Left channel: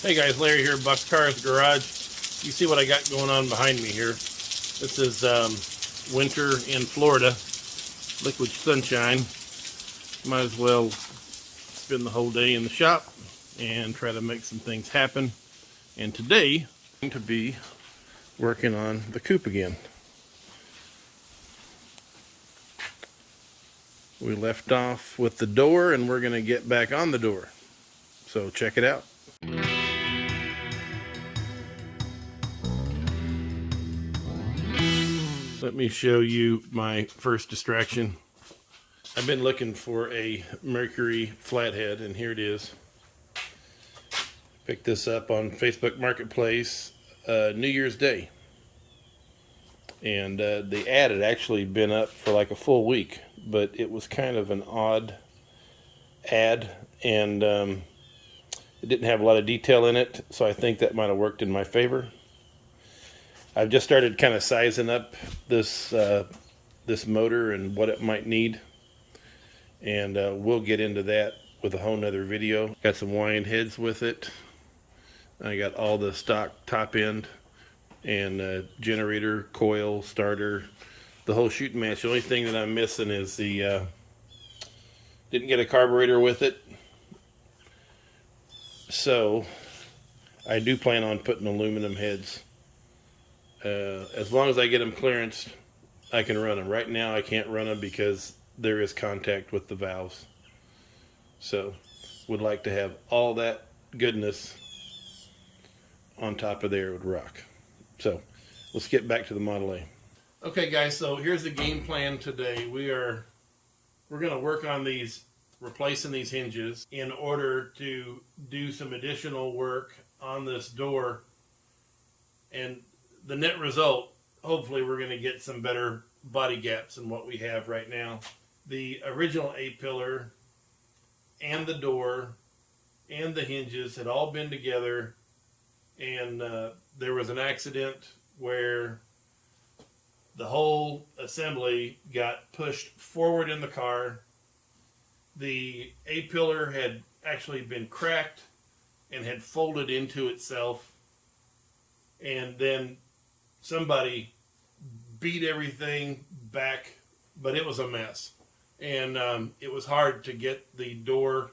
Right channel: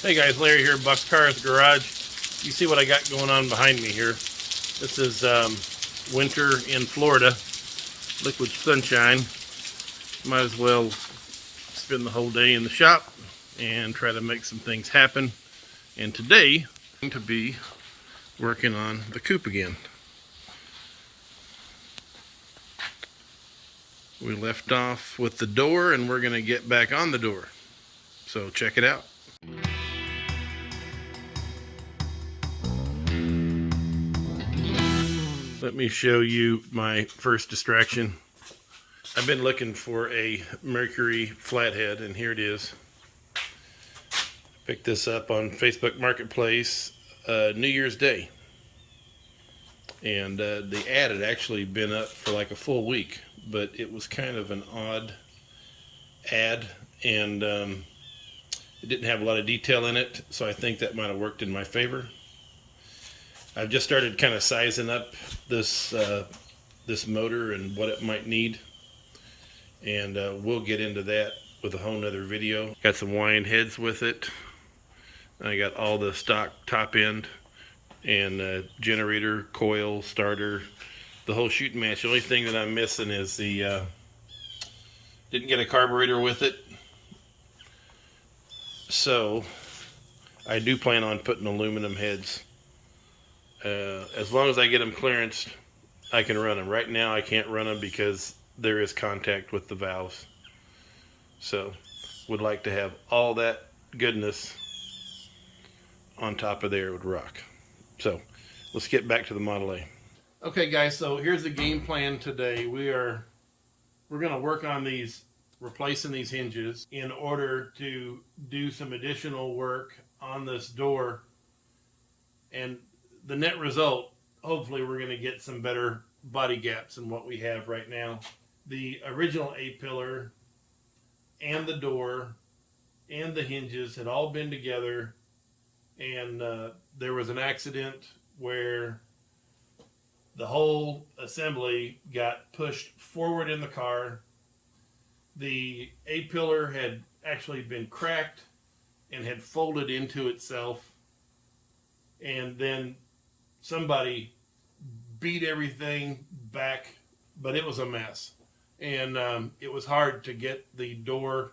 Hey guys, Larry here, Buck's Cars Garage. You see what I got going on behind me here. This is winter in Florida, liquid sunshine. Might as well spend the whole day in the shop and try to make some things happen. And today, I'm going to be working on the coupe again. We left off with the door and we're going to get back on the door. So check it out. Let me show you my first distraction. I've been looking for a Mercury flathead, and here it is. Picked this up on Facebook Marketplace New Year's Day. And the ad had actually been up for like a full week, but it was kind of an odd ad, and it didn't have a lot of detail in it, so I think that might have worked in my favor. I've just started kind of sizing up this this motor and what it might need, and we'll get into that with a whole nother video. Got some wind heads with it. I got all the stock top end and generator, coil, starter, the whole shooting match. The only thing that I'm missing is the didn't get a carburetor with it, so I do plan on putting aluminum heads. As long as I get them clearanced, I can run them. Right now I can't run them because there is contact with the valves. So would like to have all that goodness on top of there. Would rock. So let's get back to the Model A. Okay guys, so here's the game plan today. We're going to work on these, replacing these hinges in order to do some additional work on this door, and the net result, hopefully we're going to get some better body gaps than what we have right now. The original A-pillar and the door and the hinges had all been together, and there was an accident where the whole assembly got pushed forward in the car. The A-pillar had actually been cracked and had folded into itself, and then somebody beat everything back, but it was a mess. And it was hard to get the door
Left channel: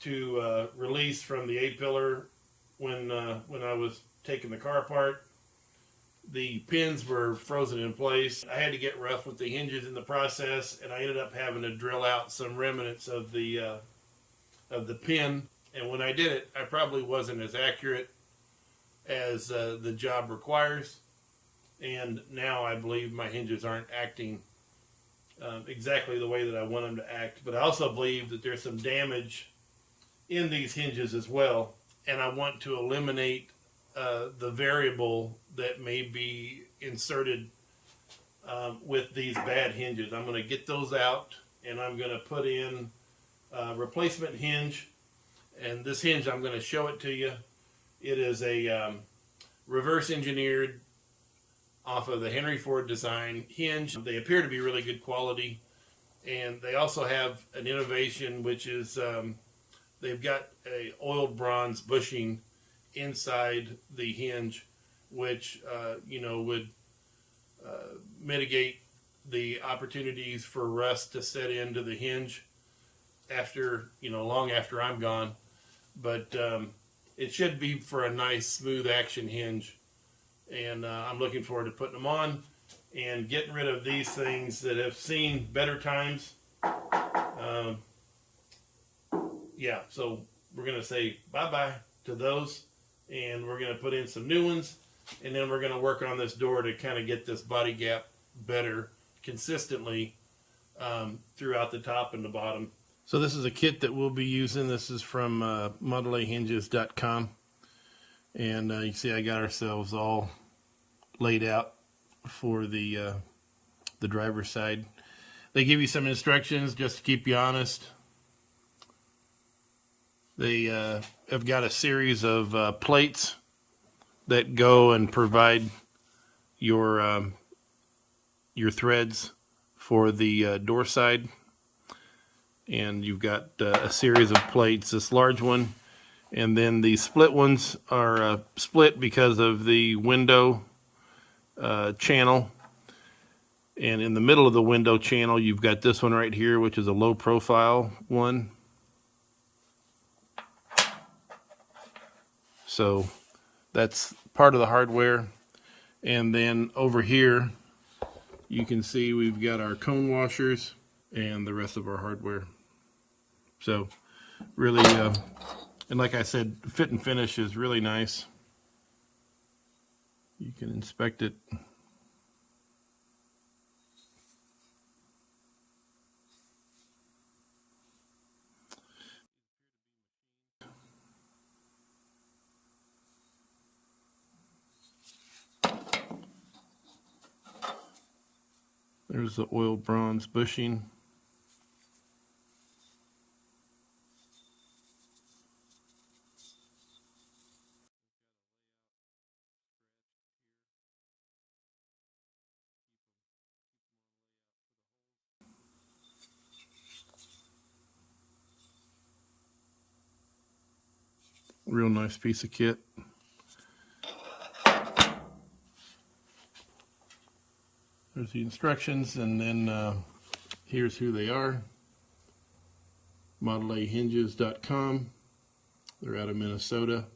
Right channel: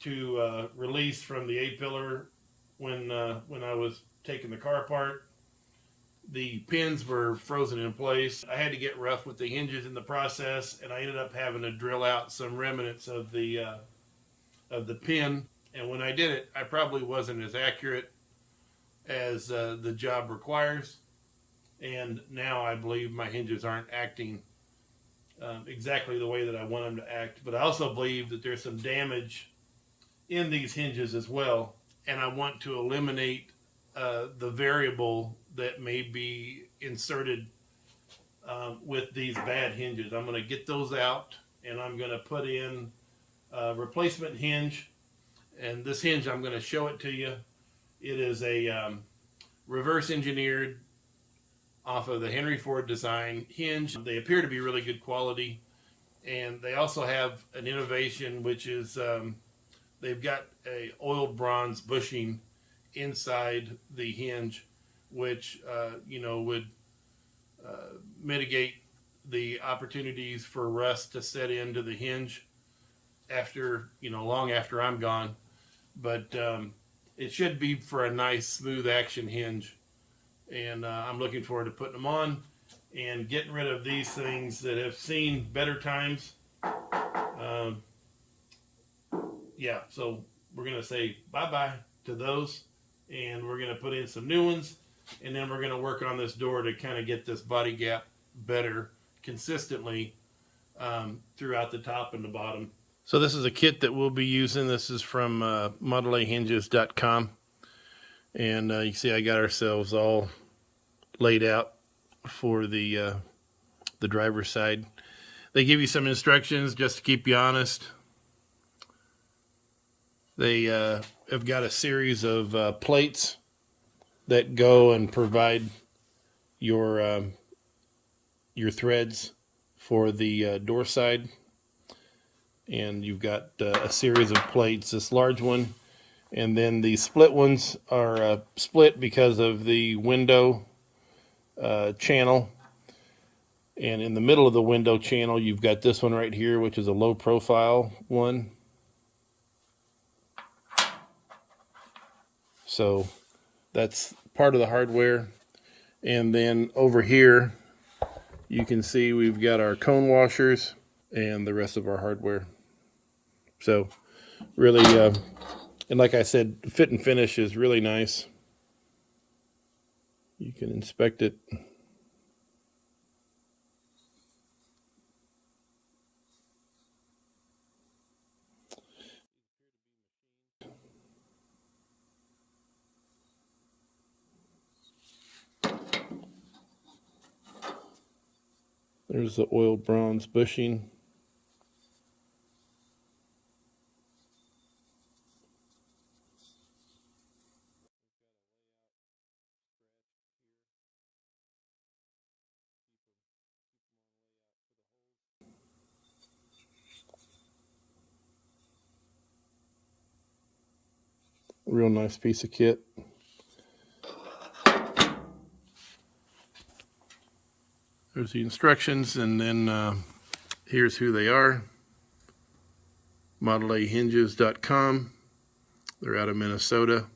to release from the A-pillar when I was taking the car apart. The pins were frozen in place. I had to get rough with the hinges in the process, and I ended up having to drill out some remnants of the pin. And when I did it, I probably wasn't as accurate as the job requires, and now I believe my hinges aren't acting exactly the way that I want them to act. But I also believe that there's some damage in these hinges as well, and I want to eliminate the variable that may be inserted with these bad hinges. I'm going to get those out, and I'm going to put in a replacement hinge. And this hinge, I'm going to show it to you. It is a reverse engineered off of the Henry Ford design hinge. They appear to be really good quality, and they also have an innovation, which is they've got a oiled bronze bushing inside the hinge, which would mitigate the opportunities for rust to set into the hinge after, long after I'm gone. But it should be for a nice smooth action hinge, and I'm looking forward to putting them on and getting rid of these things that have seen better times. Yeah, so we're going to say bye-bye to those, and we're going to put in some new ones, and then we're going to work on this door to kind of get this body gap better consistently throughout the top and the bottom. So this is a kit that we'll be using. This is from modelahinges.com, and you see I got ourselves all laid out for the driver's side. They give you some instructions just to keep you honest. They have got a series of plates that go and provide your threads for the door side. And you've got a series of plates. This large one And then the split ones are split because of the window channel. And in the middle of the window channel, you've got this one right here, which is a low profile one. So that's part of the hardware. And then over here, you can see we've got our cone washers and the rest of our hardware. So really, and like I said, fit and finish is really nice. You can inspect it. There's the oiled bronze bushing. Real nice piece of kit. There's the instructions, and then here's who they are. ModelAHinges.com. They're out of Minnesota.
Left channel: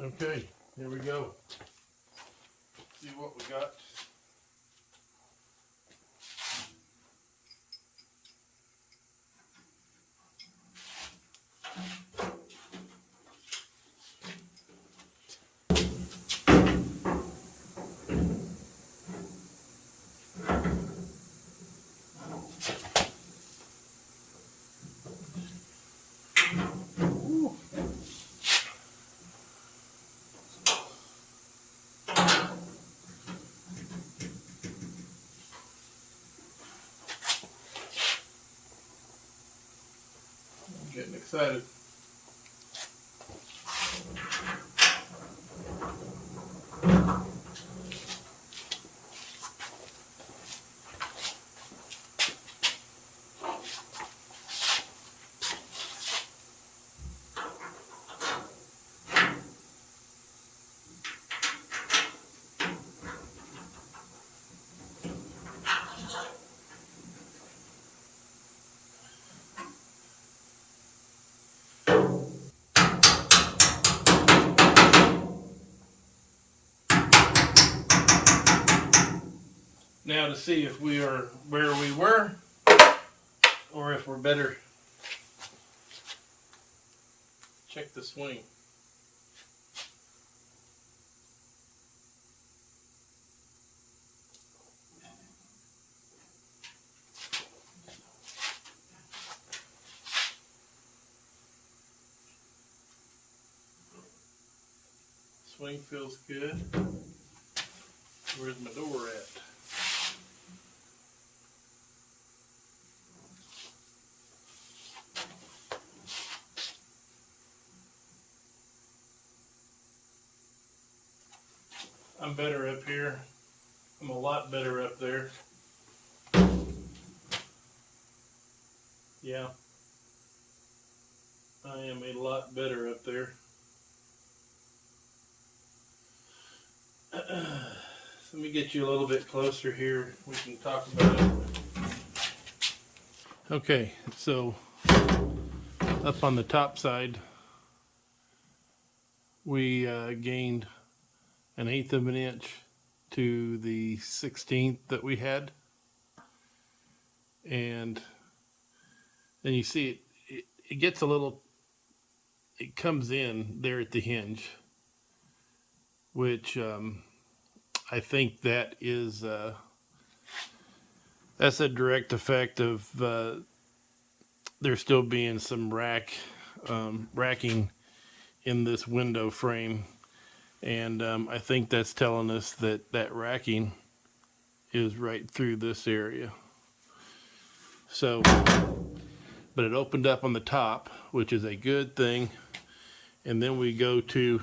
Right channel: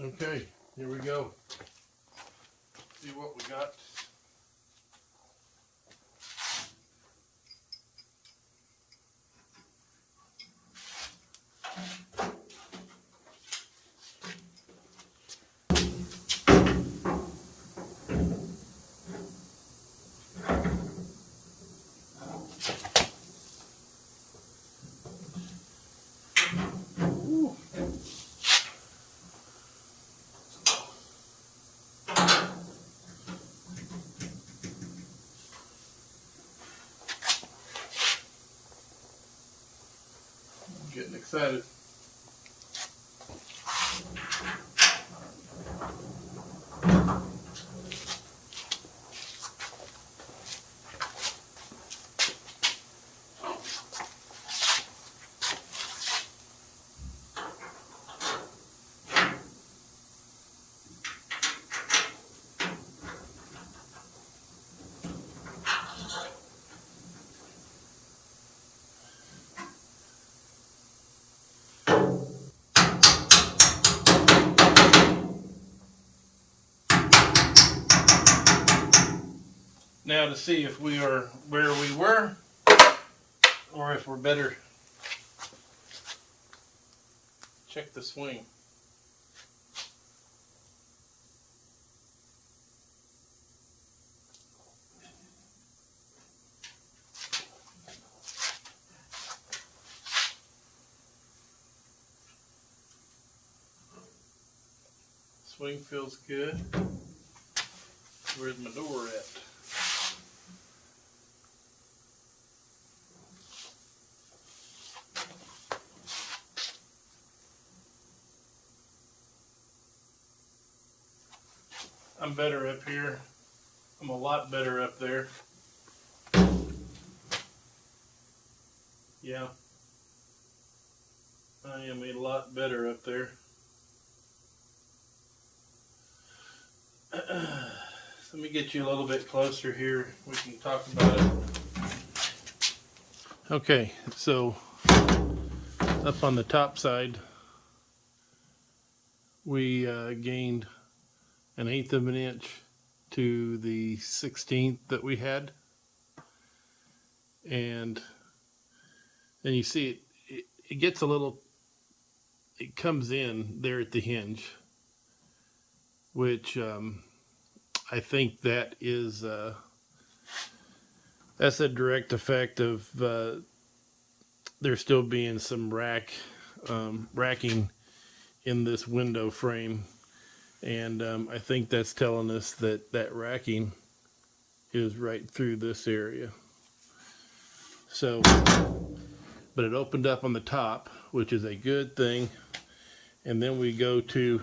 Okay, here we go. See what we got. I'm getting excited. Now to see if we are where we were or if we're better. Check the swing. Swing feels good. Where's my door at? I'm better up here. I'm a lot better up there. Yeah. I am a lot better up there. Let me get you a little bit closer here. We can talk about it. Okay, so up on the top side, we gained 1/8 of an inch to the 16th that we had. And then you see it gets a little, it comes in there at the hinge, which I think that is that's a direct effect of there still being some racking in this window frame, and I think that's telling us that that racking is right through this area. So, but it opened up on the top, which is a good thing. And then we go to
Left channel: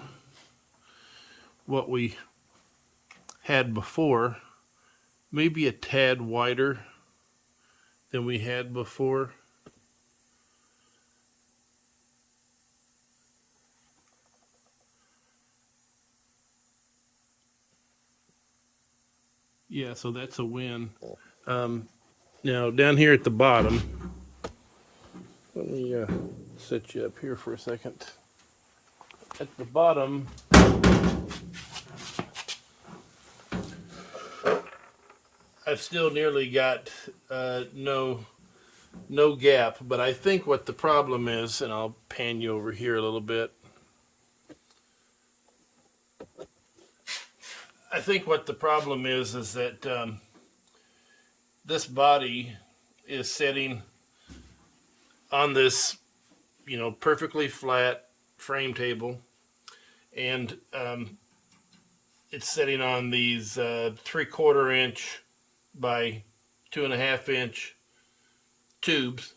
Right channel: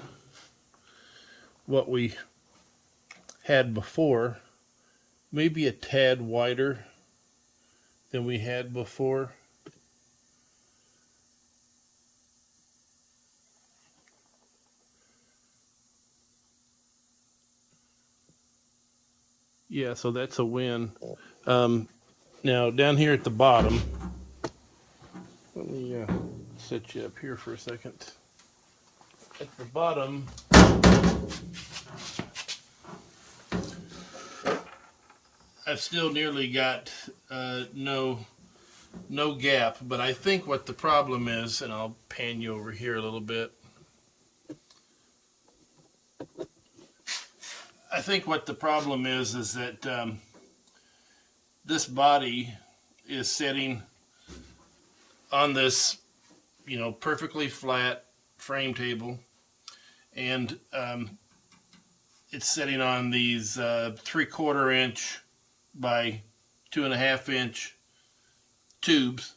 what we had before, maybe a tad wider than we had before. Yeah, so that's a win. Now down here at the bottom, let me set you up here for a second. At the bottom, I've still nearly got no gap, but I think what the problem is, and I'll pan you over here a little bit. I think what the problem is that this body is sitting on this, perfectly flat frame table, and it's sitting on these 3/4 inch by 2.5 inch tubes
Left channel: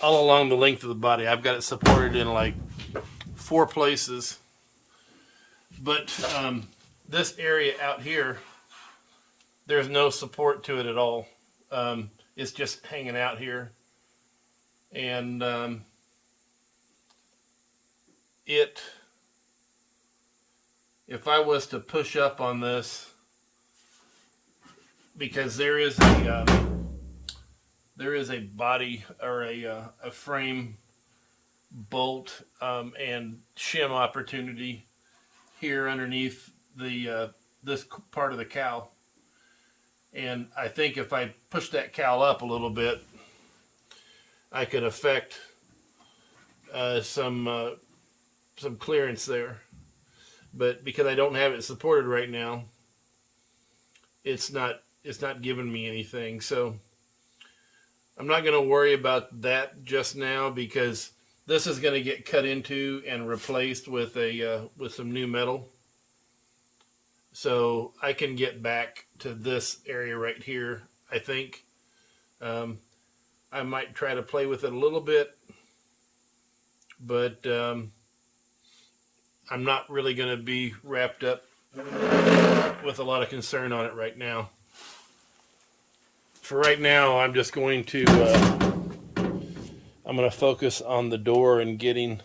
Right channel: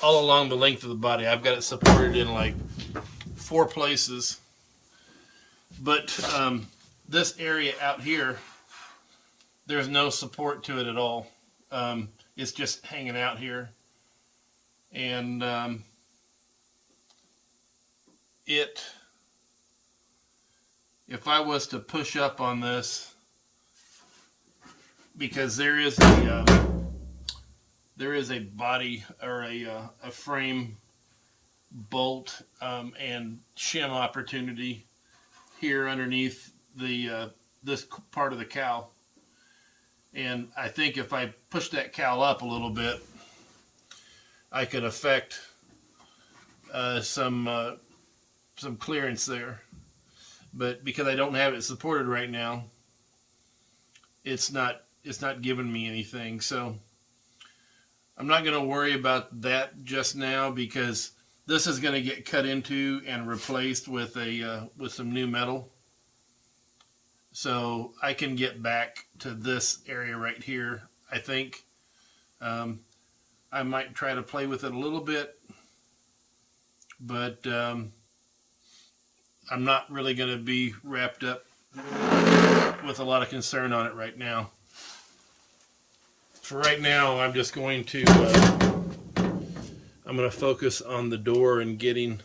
all along the length of the body. I've got it supported in like 4 places, but this area out here, there's no support to it at all. It's just hanging out here, and if I was to push up on this, because there is a body or a frame bolt and shim opportunity here underneath the this part of the cowl. And I think if I push that cowl up a little bit, I could affect some clearance there. But because I don't have it supported right now, it's not giving me anything. So I'm not going to worry about that just now, because this is going to get cut into and replaced with some new metal. So I can get back to this area right here. I think I might try to play with it a little bit, but I'm not really going to be wrapped up with a lot of concern on it right now. For right now, I'm just going to focus on the door and getting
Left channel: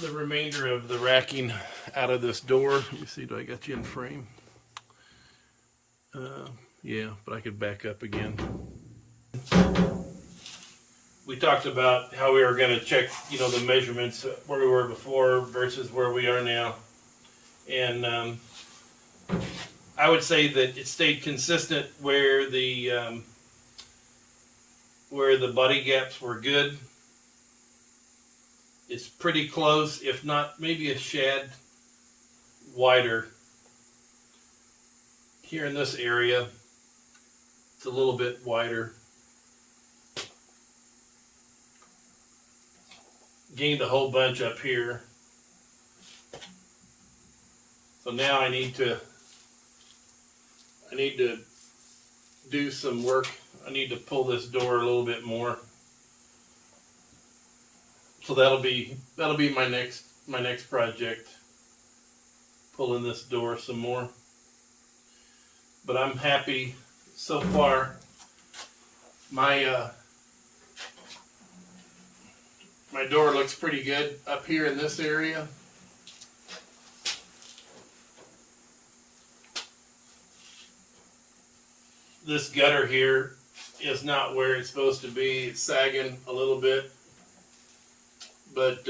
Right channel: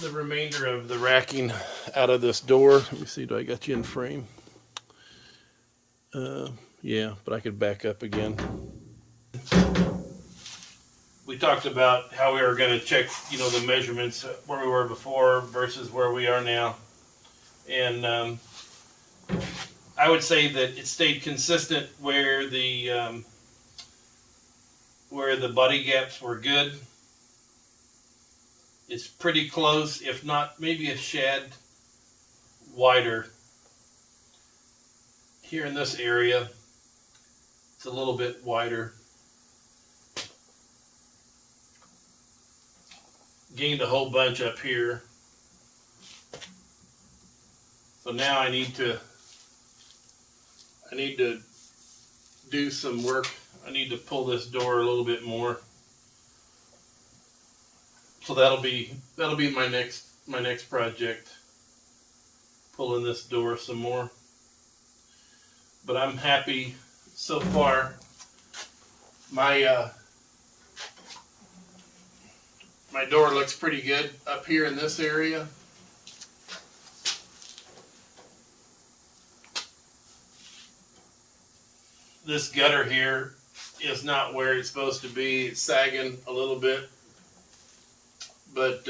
the remainder of the racking out of this door. Let me see, do I got you in frame? Yeah, but I could back up again. We talked about how we were going to check, the measurements where we were before versus where we are now. And I would say that it stayed consistent where the body gaps were good. It's pretty close, if not maybe a shad wider. Here in this area, it's a little bit wider. Gained a whole bunch up here. So now I need to do some work. I need to pull this door a little bit more. So that'll be my next project. Pulling this door some more. But I'm happy so far. My door looks pretty good up here in this area. This gutter here is not where it's supposed to be. It's sagging a little bit. But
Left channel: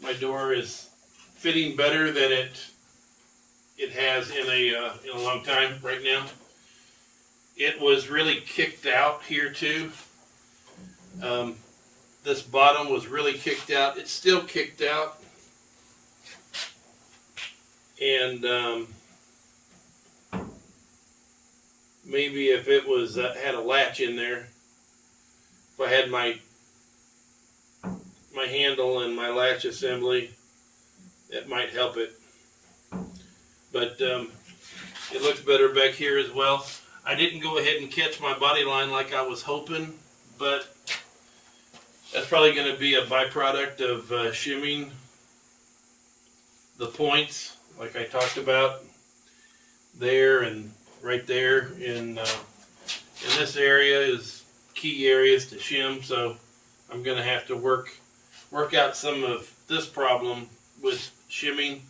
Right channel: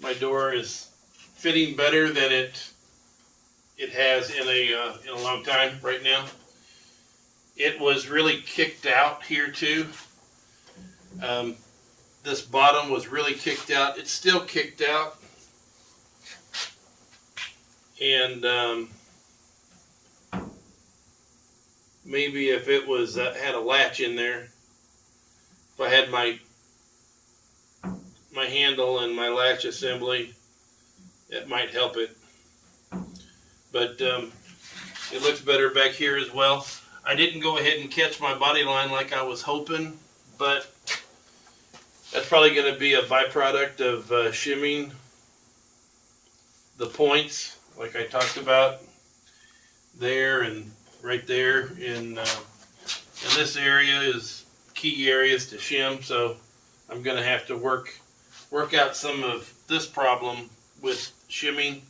my door is fitting better than it has in a long time right now. It was really kicked out here too. This bottom was really kicked out. It's still kicked out. And maybe if it was had a latch in there, if I had my handle and my latch assembly, that might help it. But it looks better back here as well. I didn't go ahead and catch my body line like I was hoping, but that's probably going to be a byproduct of shimming the points, like I talked about there and right there. In this area is key areas to shim, so I'm going to have to work out some of this problem with shimming.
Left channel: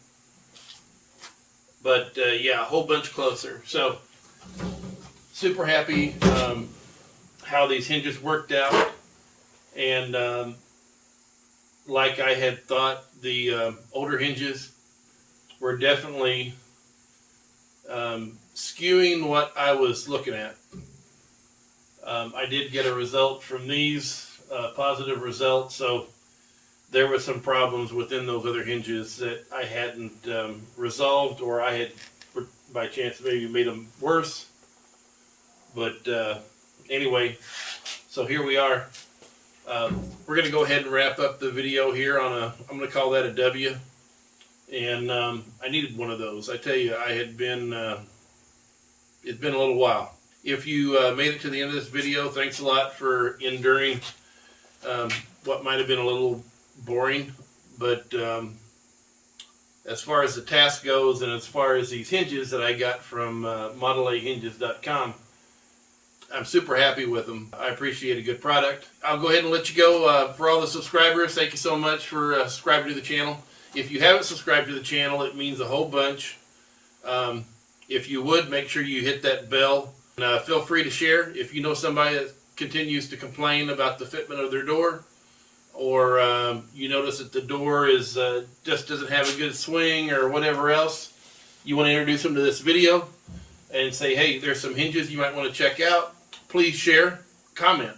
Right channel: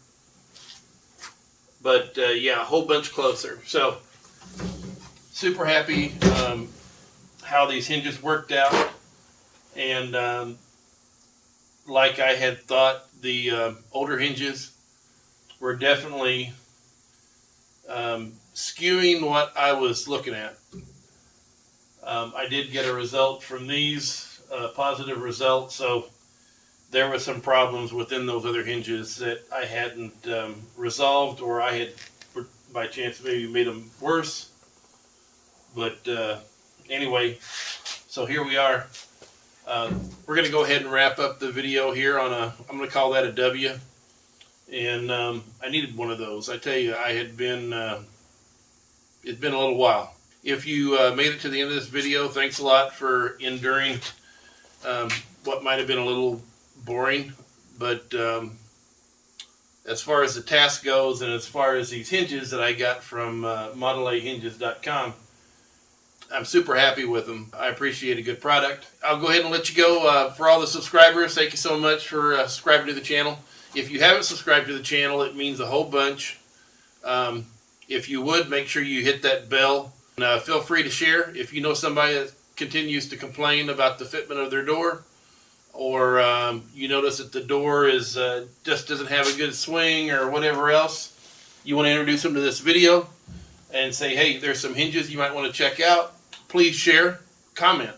But yeah, a whole bunch closer. So super happy how these hinges worked out. And like I had thought, the older hinges were definitely skewing what I was looking at. I did get a result from these, positive result. So there were some problems within those other hinges that I hadn't resolved, or I had, by chance, maybe made them worse. But anyway, so here we are. We're going to go ahead and wrap up the video here on I'm going to call that a W. And I needed one of those. I tell you, it's been a little while. If you made it to the end of this video, thanks a lot for enduring what might have been a little boring. But as far as the task goes, and as far as these hinges that I got from modelahinges.com, I'm super happy with them. I appreciate a good product. I'll go ahead and let you go. For all the subscribers, thank you so much for subscribing to the channel. If you haven't subscribed to the channel, it means a whole bunch. If you would, make sure you hit that bell Feel free to share if you know somebody that continues to complain about the fitment of their door, or you notice that the door is just doesn't have a good swing or whatever else. You want to introduce them to this video and say, hey, there's some hinges you might want to check out. Please share, comment.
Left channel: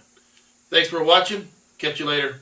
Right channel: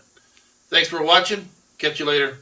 Thanks for watching. Catch you later.